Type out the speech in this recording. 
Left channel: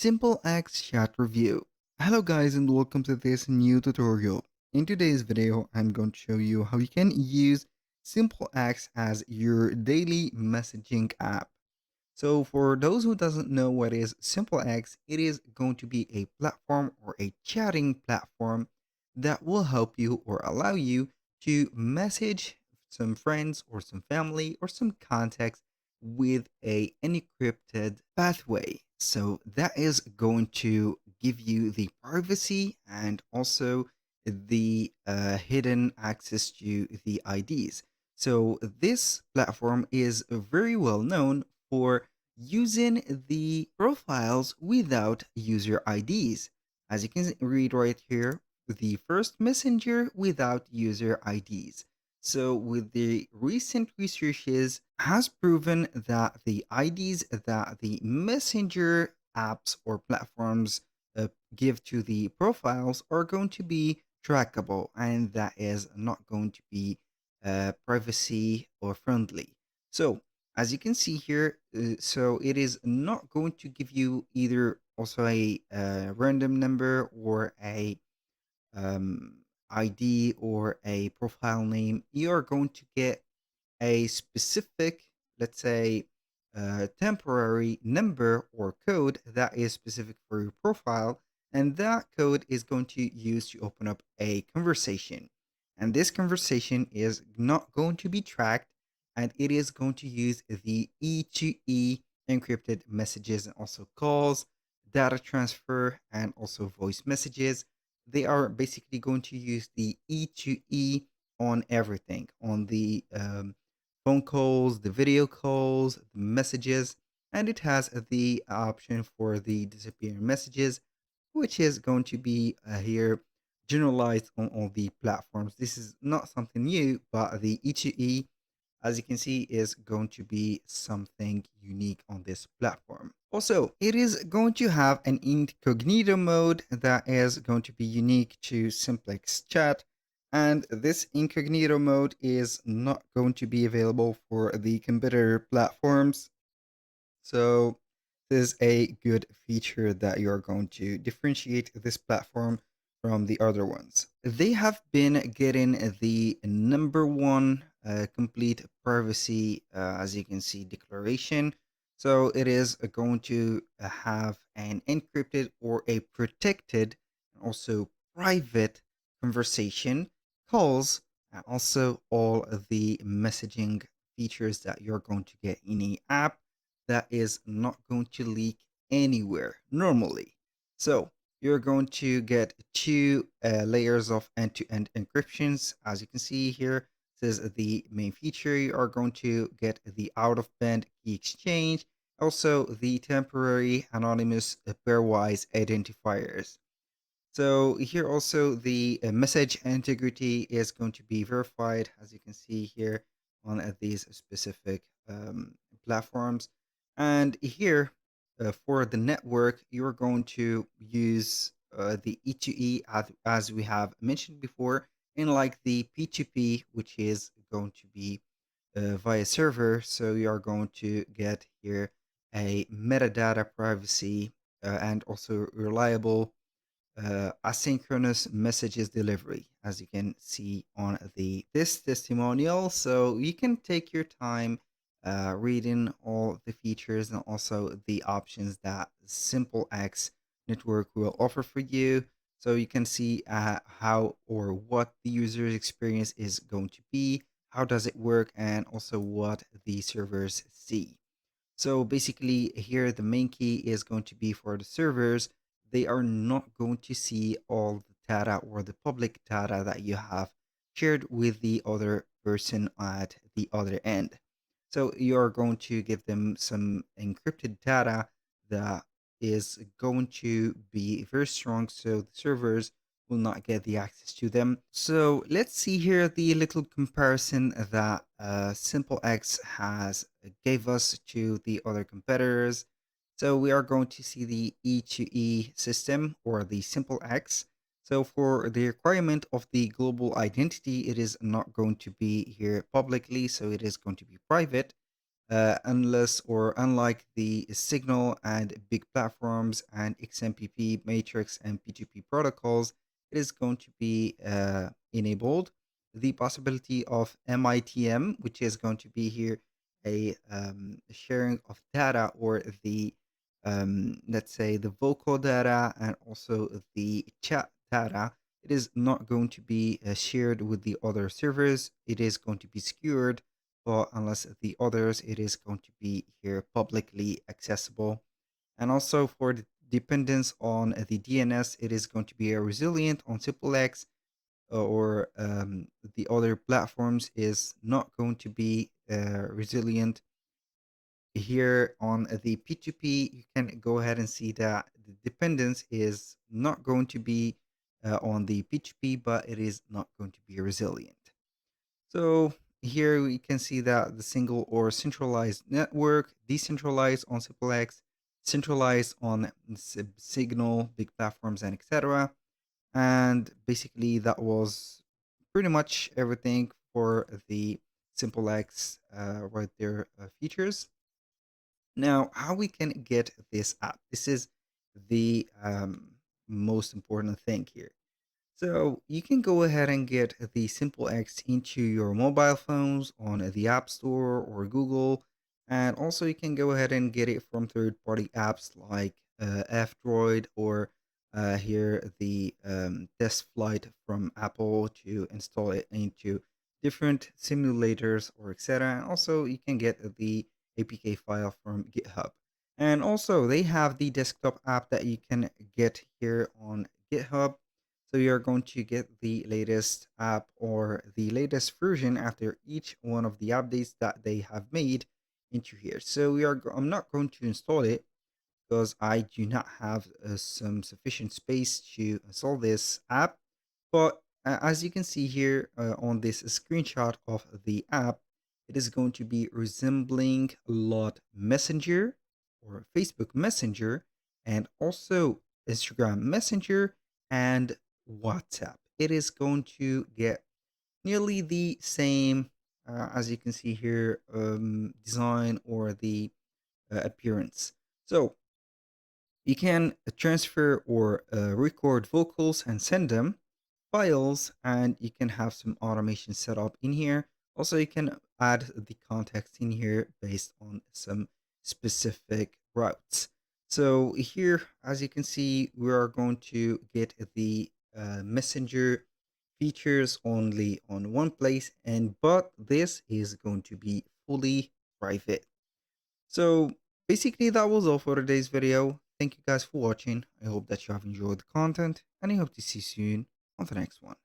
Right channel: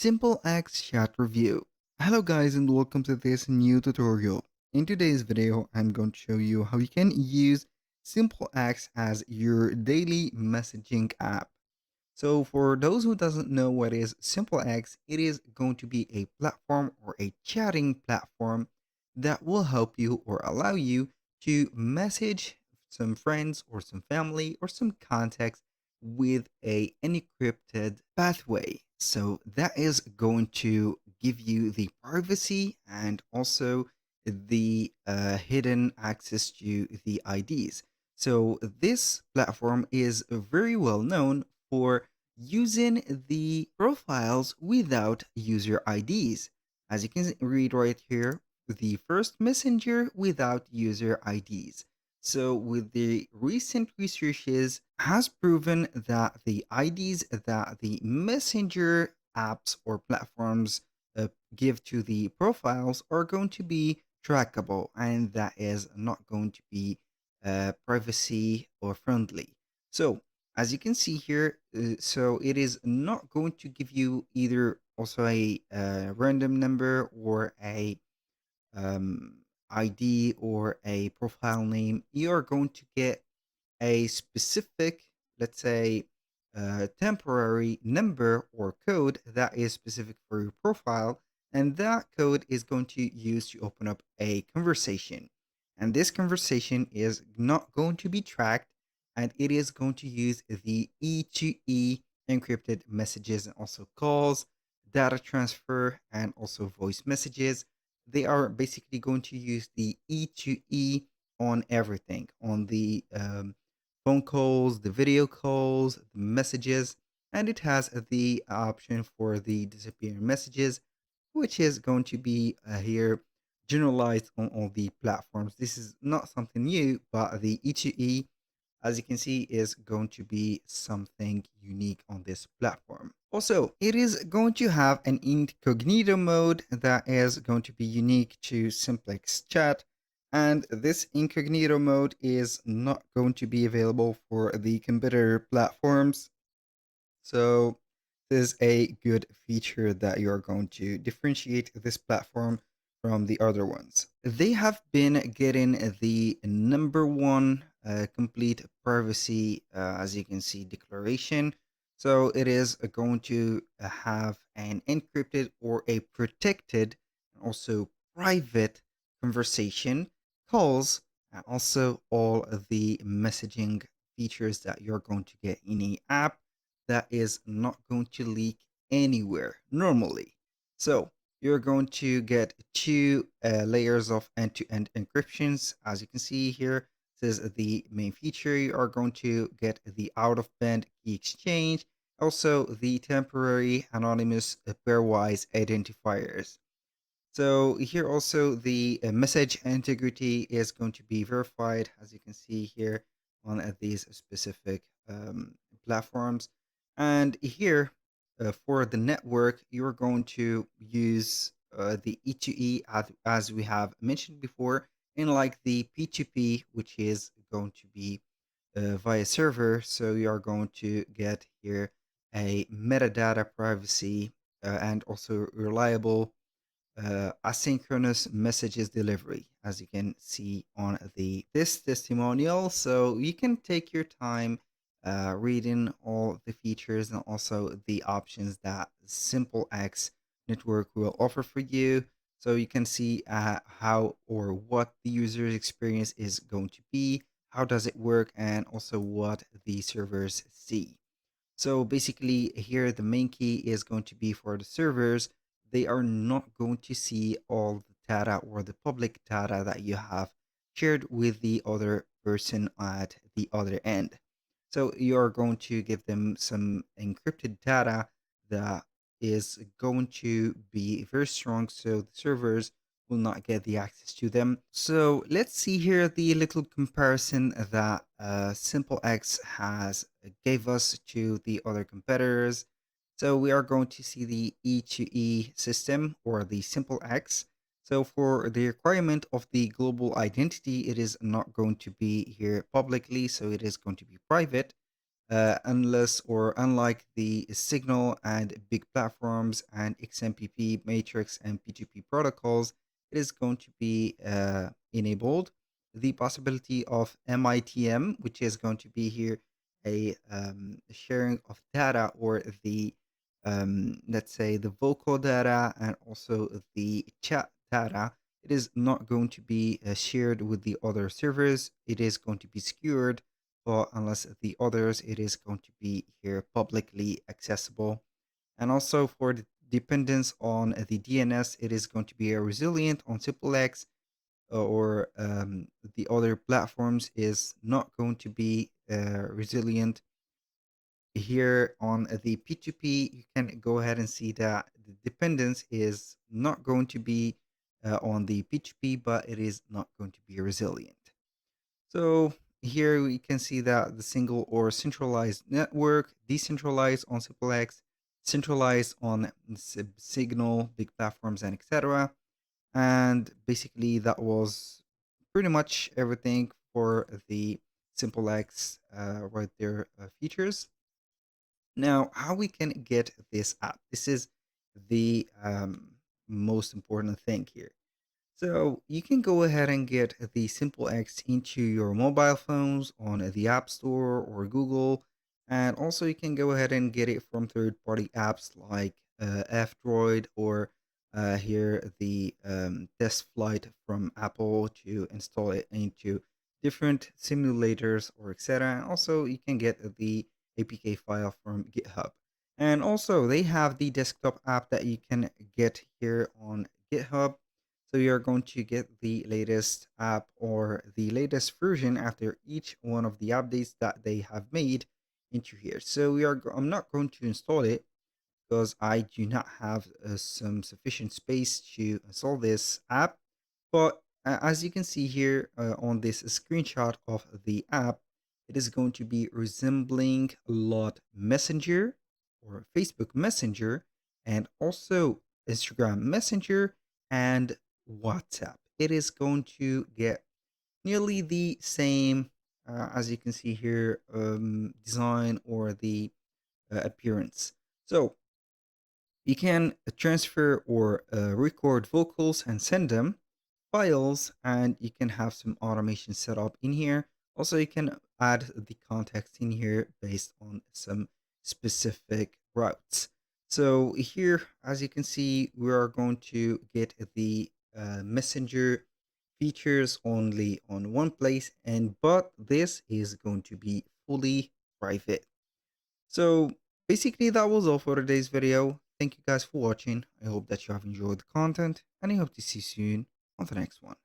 SimpleX Chat Review. Hello guys and welcome to this new tutorial. In today's video, I'm going to show you how you can use SimpleX as your daily messaging app. So for those who doesn't know what is SimpleX, it is going to be a platform or a chatting platform that will help you or allow you to message some friends or some family or some contacts with a encrypted pathway. So that is going to give you the privacy and also the hidden access to the IDs. So this platform is very well known for using the profiles without user IDs. As you can read right here, the first messenger without user IDs. So with the recent researches has proven that the IDs that the messenger apps or platforms give to the profiles are going to be trackable, and that is not going to be privacy or friendly. So as you can see here, so it is not going to give you either also a random number or a um, ID or a profile name. You are going to get a specific, let's say, temporary number or code that is specific for your profile, and that code is going to use to open up a conversation. And this conversation is not going to be tracked, and it is going to use the E2E encrypted messages and also calls, data transfer, and also voice messages. They are basically going to use the E2E on everything, on the phone calls, the video calls, the messages, and it has the option for the disappearing messages, which is going to be here generalized on all the platforms. This is not something new, but the E2E, as you can see, is going to be something unique on this platform. Also, it is going to have an incognito mode that is going to be unique to SimpleX Chat, and this incognito mode is not going to be available for the competitor platforms. So this is a good feature that you're going to differentiate this platform from the other ones. They have been getting the number 1 complete privacy, as you can see, declaration. So it is going to have an encrypted or a protected, also private conversation, calls, and also all of the messaging features that you're going to get in a app that is not going to leak anywhere normally. So you're going to get 2 layers of end-to-end encryptions. As you can see here, this is the main feature. You are going to get the out-of-band key exchange, also the temporary anonymous pairwise identifiers. So here also the message integrity is going to be verified, as you can see here on these specific platforms. And here for the network, you're going to use the E2E as we have mentioned before, and like the P2P, which is going to be via server. So you are going to get here a metadata privacy and also reliable asynchronous messages delivery, as you can see on this testimonial. So you can take your time reading all the features and also the options that SimpleX network will offer for you. So you can see how or what the user experience is going to be, how does it work, and also what the servers see. So basically here the main key is going to be for the servers. They are not going to see all the data or the public data that you have shared with the other person at the other end. So you're going to give them some encrypted data that is going to be very strong, so the servers will not get the access to them. So let's see here the little comparison that SimpleX has gave us to the other competitors. So we are going to see the E2E system or the SimpleX. So for the requirement of the global identity, it is not going to be here publicly, so it is going to be private. unless or unlike the Signal and big platforms and XMPP, Matrix, and P2P protocols, it is going to be enabled. The possibility of MITM, which is going to be here a sharing of data or the let's say the vocal data and also the chat data, it is not going to be shared with the other servers. It is going to be secured, but unless the others, it is going to be here publicly accessible. And also for the dependence on the DNS, it is going to be resilient on SimpleX or the other platforms is not going to be resilient. Here on the P2P, you can go ahead and see that the dependence is not going to be on the P2P, but it is not going to be resilient. So here we can see that the single or centralized network, decentralized on SimpleX, centralized on Signal, big platforms, and etc. And basically, that was pretty much everything for the SimpleX right there features. Now, how we can get this app? This is the most important thing here. So you can go ahead and get the SimpleX into your mobile phones on the App Store or Google. And also you can go ahead and get it from third-party apps like F-Droid or here the test flight from Apple to install it into different simulators or etc. And also you can get the APK file from GitHub. And also they have the desktop app that you can get here on GitHub. So you're going to get the latest app or the latest version after each one of the updates that they have made into here. So I'm not going to install it because I do not have some sufficient space to install this app. But as you can see here on this screenshot of the app, it is going to be resembling a lot Messenger or Facebook Messenger and also Instagram Messenger and WhatsApp. It is going to get nearly the same, as you can see here, design or the appearance. So you can transfer or record vocals and send them files, and you can have some automation set up in here. Also, you can add the context in here based on some specific routes. So here, as you can see, we are going to get the messenger features only on one place, but this is going to be fully private. So basically that was all for today's video. Thank you guys for watching. I hope that you have enjoyed the content and I hope to see you soon on the next one.